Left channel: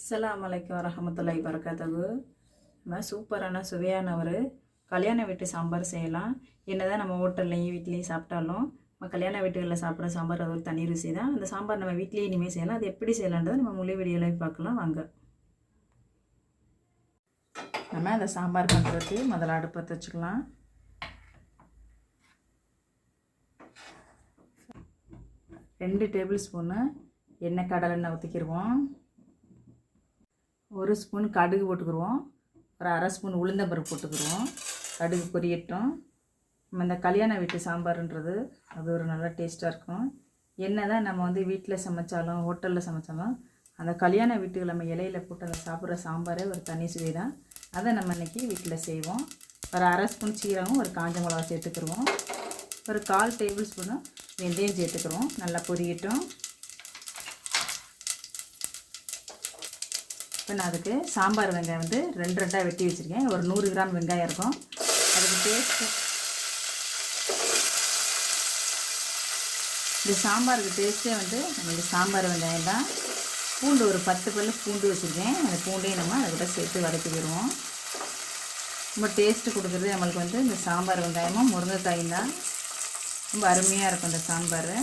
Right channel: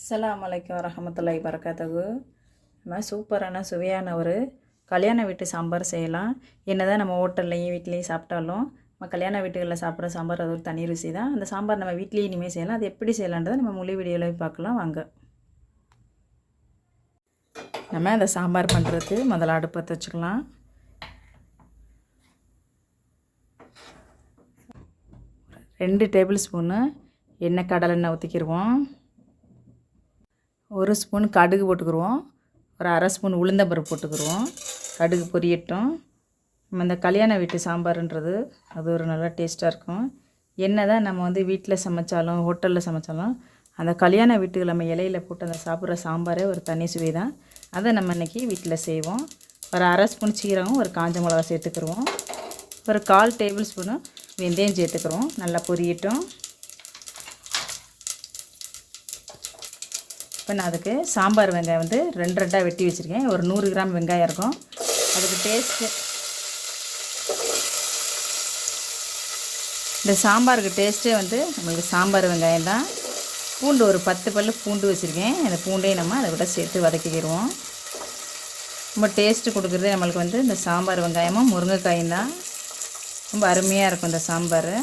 அஸ்ஸலாமு அலைக்கும் வரஹ்மத்துல்லாஹி வரகாத்துஹு. நம்ம சூப்பரான சுவையான ஒரு கல்யாண வீட்டு சாம்பார் செய்யலாம். என்னதான் நம்ம ஹோட்டல்லையும் வீட்லேயும் சாப்பிட்டாலும் நம்ம கல்யாண வீட்டுகளில் சாப்பிட்ற சாம்பார் அது ஒரு தனி ருசி தான். அந்த சாம்பார் நம்ம வீட்லேயும் இனிமேல் செய்யலாம். அது எப்படி செய்யலான்றதை நம்ம முழு வீடியோவில் பார்க்கலாம் வாங்க. நம்ம அந்த சாம்பார் பண்ணுறதுக்கு முதல்ல அடுப்பு பற்ற வச்சுக்கலாம். ரெண்டு டேபிள் ஸ்பூனு எண்ணெய் கடலெண்ணெய் ஊற்றிக்கிடுவோம். ஒரு ஸ்பூன் கடுகு போட்டுக்கிடுவோம். ஒரு அரை ஸ்பூன் உளுந்தம்பருப்பு போட்டுக்கிடுவோம். கடுகு பொரியட்டும். நம்ம இந்த கல்யாண வீட்டு சாம்பார்ன்றது அது ஒரு நல்லா டேஸ்ட்டாக இருக்கும். என்ன தான் நம்ம வீட்டில் சமைச்சாலும் ஹோட்டலில் சமைச்சாலும் அந்த கல்யாண வீட்டுக்கு நம்ம இலையில் போட்டு அந்த சாப்பிட்ற சாம்பாரே ஒரு தனி சுவை தான். அதை நம்ம இன்றைக்கி வீட்டில் செய்வோம். ஒரு அரை ஸ்பூன் சீரகம் ஒரு காஞ்ச மிளகா சேர்த்துக்கிடுவோம். ஒரு 1/4 டேபிள் ஸ்பூனு வெந்தயம் சேர்த்துக்கிறோம். நல்லா பொரியட்டும். இப்போ நான் அதுக்கு சாம்பார் வெங்காயம் 2 வெட்டி வச்சுருக்கேன். ஒரு 100 கிராம் வெங்காயம் இருக்கும். அதுக்கு டேஸ்ட்டு இந்த சாம்பாருக்கு டேஸ்ட்டே நம்மளுக்கு சாம்பார் வெங்காயம் தான். பூண்டு ஒரு 10 பல் பூண்டு வச்சுருக்கேன். அந்த பூண்டையும் நம்ம அதை விட சேர்த்து வதக்கிடுவோம். ரொம்ப டேஸ்ட்டு கொடுக்குறதே நம்மளுக்கு இந்த சாம்பார் வெங்காயமும் முருங்கைக்காயும் தான். ரொம்ப அருமையாக இருக்கும் இந்த சாம்பார்.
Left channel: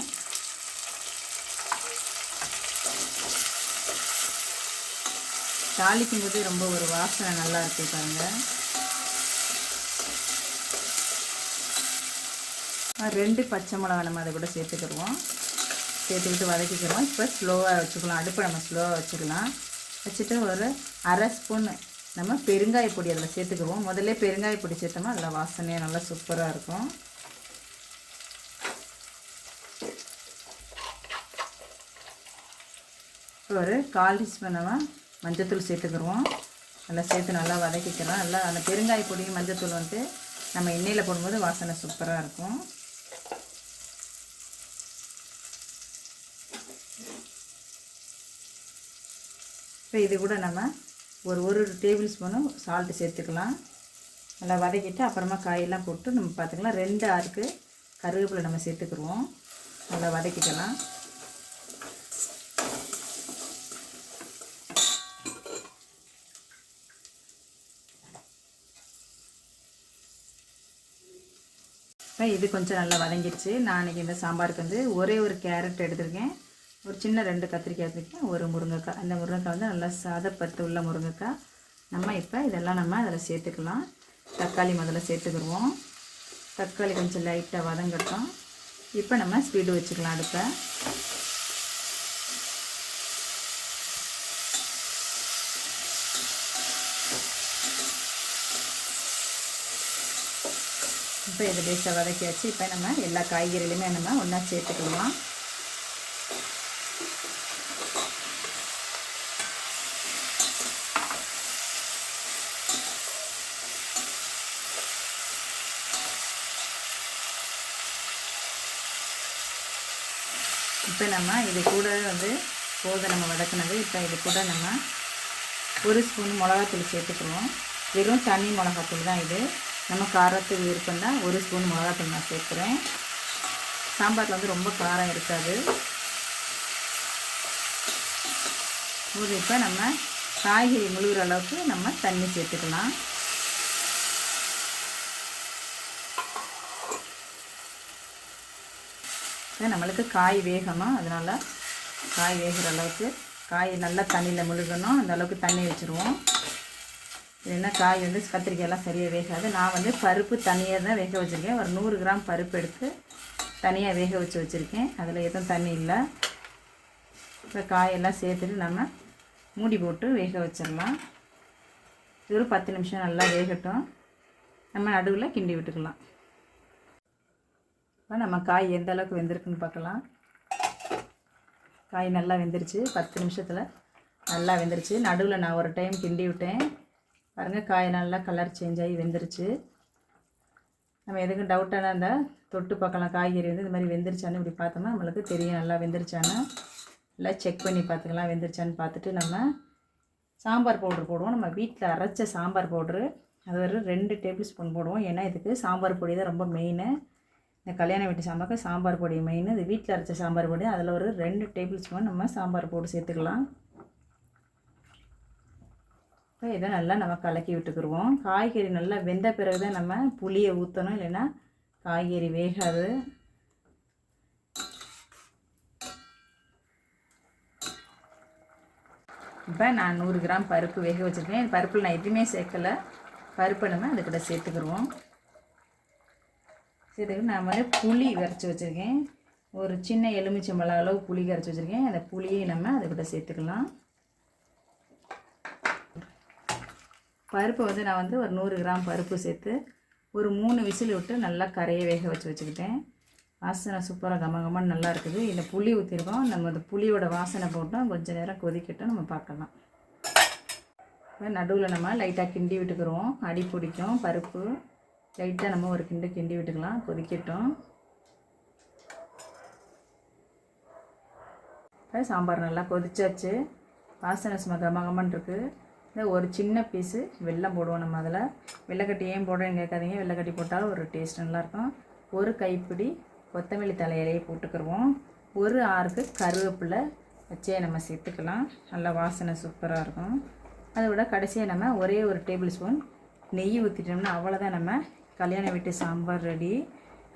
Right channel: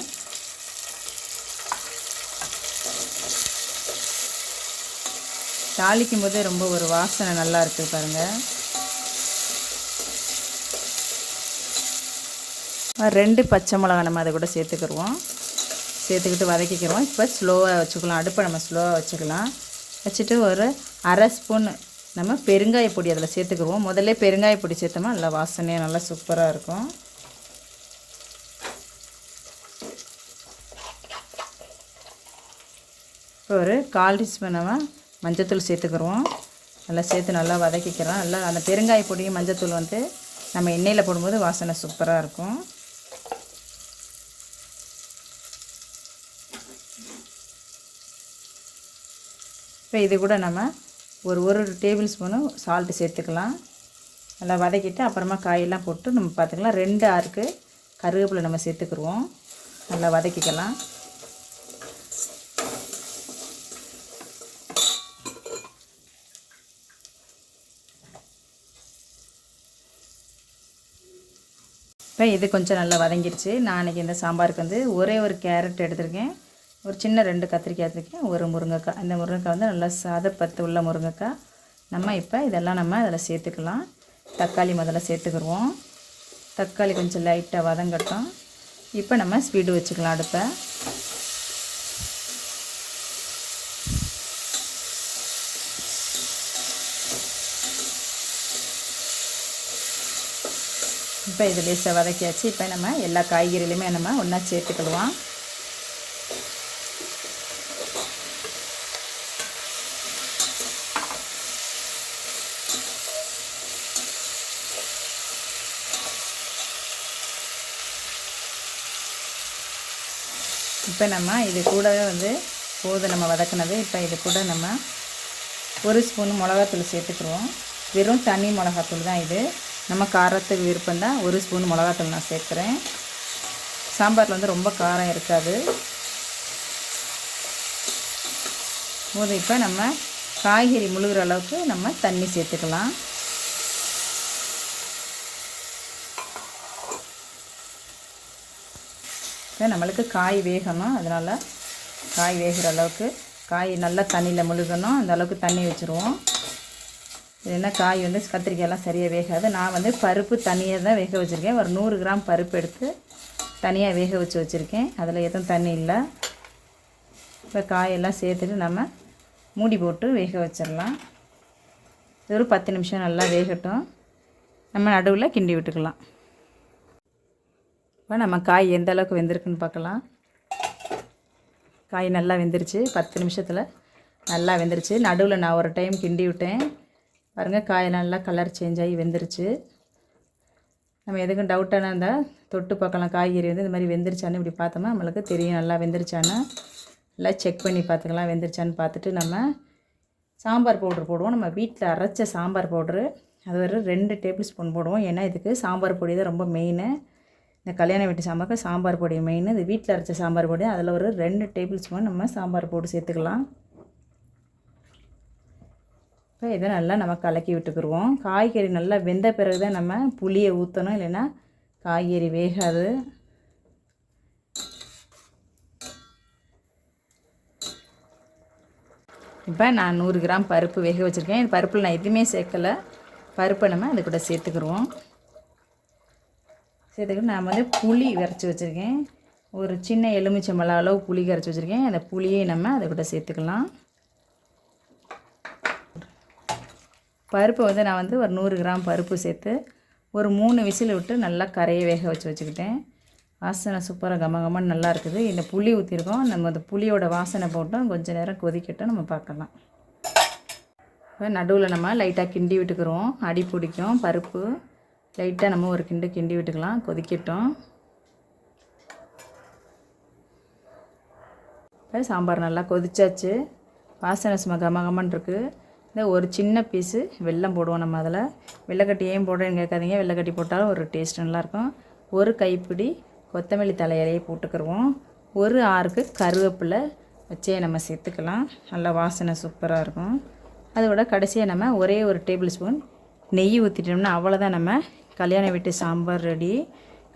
தாளிக்கும் போதே ரொம்ப ஒரு வாசனை நல்லா இருக்குது பாருங்கள். 2 பச்சை மிளகா நம்ம அதை கூட சேர்த்துக்கிடுவோம். சேர்த்துக்கிட்டு வதக்கிக்கிறோம். இப்போ ஸ்லோவாக வச்சுக்கலாம். அடுப்பை நம்ம ஸ்லோவாக வச்சுக்கலாம். வச்சுட்டு ஒரு அரை ஸ்பூன் நம்ம பெருங்காய பொடி அதில் சேர்த்துக்கிடுவோம். முதல்ல பெருங்காய பொடி சேர்த்தோம்னா நல்லா வாசனையாக நல்லா சூப்பராக இருக்கும். ஒரு 1/4 டீஸ்பூன் நம்ம மஞ்சத்தூள் சேர்த்துக்கிறோம். நல்லா சேர்த்து நல்லா வதக்கிக்கிறோம். நல்லா அந்த பெருங்காய பொடியும் மஞ்சத்தூள் நம்ம எண்ணெயில் போடும்போது வாசனை சூப்பராக இருக்கும். இப்போ இது கூட நம்ம ஒரு டேபிள் ஸ்பூனு சால்ட்டு சேர்த்துக்கலாம். நல்லா வதக்கிட்டு அப்புறமா காயெல்லாம் போட்டு நம்ம பார்த்துக்கலாம். 2 ஆறுக்கு கருவேப்பிலை நம்ம சேர்த்துக்கிடுவோம். நல்லா வதக்கிக்கலாம். இப்போ இது கொஞ்சம் நல்லா வதங்கிடுச்சு. நான் இன்றைக்கி இந்த சாம்பாருக்கு ஒரே ஒரு கேரட் எடுத்திருக்கேன். ஒரு சின்ன 2 கத்திரிக்காய் எடுத்திருக்கேன். ஒரு முருங்கைக்காய். இந்த முருங்கைக்காய் நல்லா சாதப்பத்து உள்ள முருங்கைக்காய். நம்ம இப்போ இதெல்லாம் நம்ம அதில் சேர்த்துக்கலாம். தக்காளி முதல்ல சேர்த்துக்கிடுவோம். தக்காளி கொஞ்சம் லைட்டாக வதங்கட்டும். இப்போ நம்ம ஸ்பீடு வச்சுக்கலாம் அடுப்பை. இப்போ இது லேசாக வதக்கியாச்சு. இப்போ நம்ம எல்லா காய்கறிலையுமே நம்ம ஒன்றா சேர்த்துக்கிடுவோம். இப்போ நம்ம இது கூடவே போதும் நம்ம வதக்கினது. இப்போ இது கூட நம்ம 1 ஸ்பூன் மிளகாத்தூள் சேர்த்துக்கிடுவோம். வெறும் தனி மிளகாத்தூள் தான் இது. நம்ம காரத்துக்கு விருப்பம் தான் 1 ஸ்பூன் மிளகாத்தூள் நான் சேர்க்குறேன். சாம்பாரில் ரொம்ப காரம் இருக்காது. போது இப்போ நம்ம காய்கறி முழுகிற அளவுக்கு நம்ம தண்ணி சேர்த்துக்கலாம். இப்போ நம்மளுக்கு காய் வேகணும். அதனால் காய் வேகிற அளவுக்கு காய் நல்லா தண்ணியில் முழுகணும். அந்த அளவுக்கு தண்ணி வச்சுருவோம். இது என்ன காய் கத்திரிக்காயெல்லாம் சரியாக வேகாது. நான் பருப்பு தனியாக தான் வேக வச்சுருக்கேன். ஒரு 100 கிராம் பருப்பு எடுத்து தனியாக வேக வச்சுருக்கேன். அதில் எதுவும் தண்ணி இல்லை. இப்போ காயெல்லாம் சேர்த்துட்டு நம்ம மூடி போட்டு வேக வச்சிடலாம். இது ஒரு 10 நிமிஷம் நல்லா வேகட்டும். நம்ம நடுவில் கிண்டி விட்டுக்கலாம். இப்போ நம்ம காய் எந்த அளவுக்கு வெந்திருக்குன்னு பார்க்கலாம். காய் நல்லா வெந்துருச்சு. 10 நிமிஷத்தில் நல்லா வெந்துருச்சு. நடுவில் நான் ஒரு டைம் கிண்டி விட்டேன். பாருங்கள், காய் நல்லா கலர் சேஞ்ச் ஆகி வெந்துருச்சு. நம்ம எதுக்கும் டவுட்டான அந்த தொட்டு பார்க்கலாம். காய்கறி இது மாதிரி வெந்துருச்சான்னு இப்படி பார்த்தோம்னா நம்மளுக்கு தெரியும் நல்லா வெந்துருச்சான்னு. நல்லா செக் பண்ணி பார்த்துக்கலாம் வெந்துருச்சான்னு பார்த்துட்டு நம்ம சாம்பார் பவுட்ரு போடுவோம். நம்ம வீட்டில் அரைச்ச சாம்பார் பவுட்ரு அது ஒரு 2 டேபிள் ஸ்பூன் போடுவோம். ஏன்னா இதுக்கு சாம்பார் பொடி தான் ரொம்ப மெயின். இந்த கல்யாண வீட்டு சாம்பாருக்கு சாம்பார் பொடி மெயின். இது வீட்டில் அரைச்ச சாம்பார் பொடி அதில் ஒரு 2 டேபிள் ஸ்பூன் நம்ம சாம்பார் போட்டு சேர்த்துக்கலாம். இப்போ இதை நல்லா நம்ம கலக்கி விட்டுக்குருவோம். காய்கறி நல்லா வெந்த பிறகு தான் நம்ம புளியை ஊற்றணும், இல்லைன்னா காய்கறி வேகாது. இப்போ நான் 100 கிராம் பருப்பு வேக வச்சுருக்கேன். இந்த பருப்பில் நான் எதுவுமே சேர்க்கலை. பருப்பை நம்ம அது கூட சேர்த்துக்குருவோம். சேர்த்துக்கிட்டு நான் வந்து புளி கரைச்சி வச்சுருக்கேன். ஒரு சின்ன எலுமிச்சம்பழம் அளவு புளி கரைச்சி வச்சுருக்கேன். அந்த புளியை நம்ம அதை கூட சேர்த்துக்கலாம். பருப்பை வந்து நான் வந்து ஒரு 100 கிராம் பருப்பு சேர்த்து ஒரு 3 விசில் விட்டு நல்லா கரையை வேக வச்சுக்கிட்டேன். வாசனை சூப்பராக கமகமன்னு நல்லா இருக்குது. இந்த புளி ஊற்றிருக்கோம். நம்ம அந்த புளியோட வாசனை போட்டோம். கொஞ்சம் நேரம் கொதிக்கட்டும், நம்ம பார்க்கலாம். இப்போ நடுவில் நம்ம லைட்டாக கிண்டி விட்டுக்கிறோம். அடி பிடிக்கும் பருப்பு. லைட்டாக நம்ம ஒரு கிண்டி விட்டுக்கலாம். கொதிக்கட்டும். இப்போ சாம்பார் நல்லா கொதிச்சாச்சு. வாசனை சும்மா கமகமன்னு இருக்குது. இந்த ஒரு சின்ன பீஸு வெல்லம் போடுவோம் நம்ம அதில். வெள்ளைக்கட்டி ஏன் போடுறேன்னு கேட்காதீங்க. வெள்ளைக்கட்டி போட்டாலும் ஒரு டேஸ்ட் நல்லாயிருக்கும். ஒரு கைப்பிடி கொத்தமல்லி தலையிலையே போட்டுக்கிடுவோம். ஒரு 6 கருவேப்பிலை வச்சே நம்ம சேர்த்துக்கலாம். நல்லா வாசனை சூப்பராக இருக்கும். அதோட கடைசியாக நம்ம ஒரே ஒரு டேபிள் ஸ்பூன் நெய் ஊற்றிட்டோம்னா அவ்வளோதான், நம்ம கல்யாண வீட்டு சாம்பார் ரெடி.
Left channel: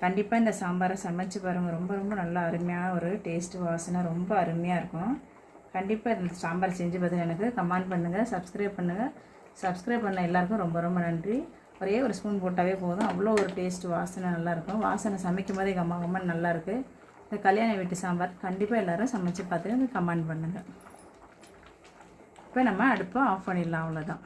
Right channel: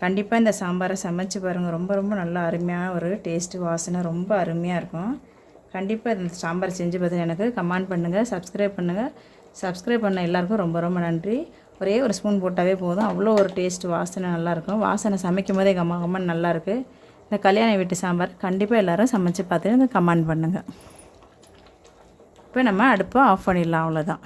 கண்டிப்பாக இந்த சாம்பாரை சமைச்சு பாருங்கள். ரொம்ப ரொம்ப நல்லா அருமையான ஒரு டேஸ்ட்டு, வாசனை ரொம்ப அருமையாக இருக்கும். கண்டிப்பாக இந்த சாம்பார் செஞ்சு பார்த்து எனக்கு கமெண்ட் பண்ணுங்கள், சப்ஸ்கிரைப் பண்ணுங்கள். சப்ஸ்கிரைப் பண்ண எல்லாருக்கும் ரொம்ப ரொம்ப நன்றி. ஒரே ஒரு ஸ்பூன் போட்டாவே போதும், அவ்வளோ ஒரு டேஸ்ட், வாசனை நல்லாயிருக்கும். வாசனை சமைக்கும் போதே கம்மன் நல்லாயிருக்கு. இந்த கல்யாண வீட்டு சாம்பார் கண்டிப்பாக எல்லோரும் சமைச்சு பார்த்துட்டு கமெண்ட் பண்ணுங்கள். இப்போ நம்ம அடுப்பை ஆஃப் பண்ணிடலாம். அவ்வளோதான்.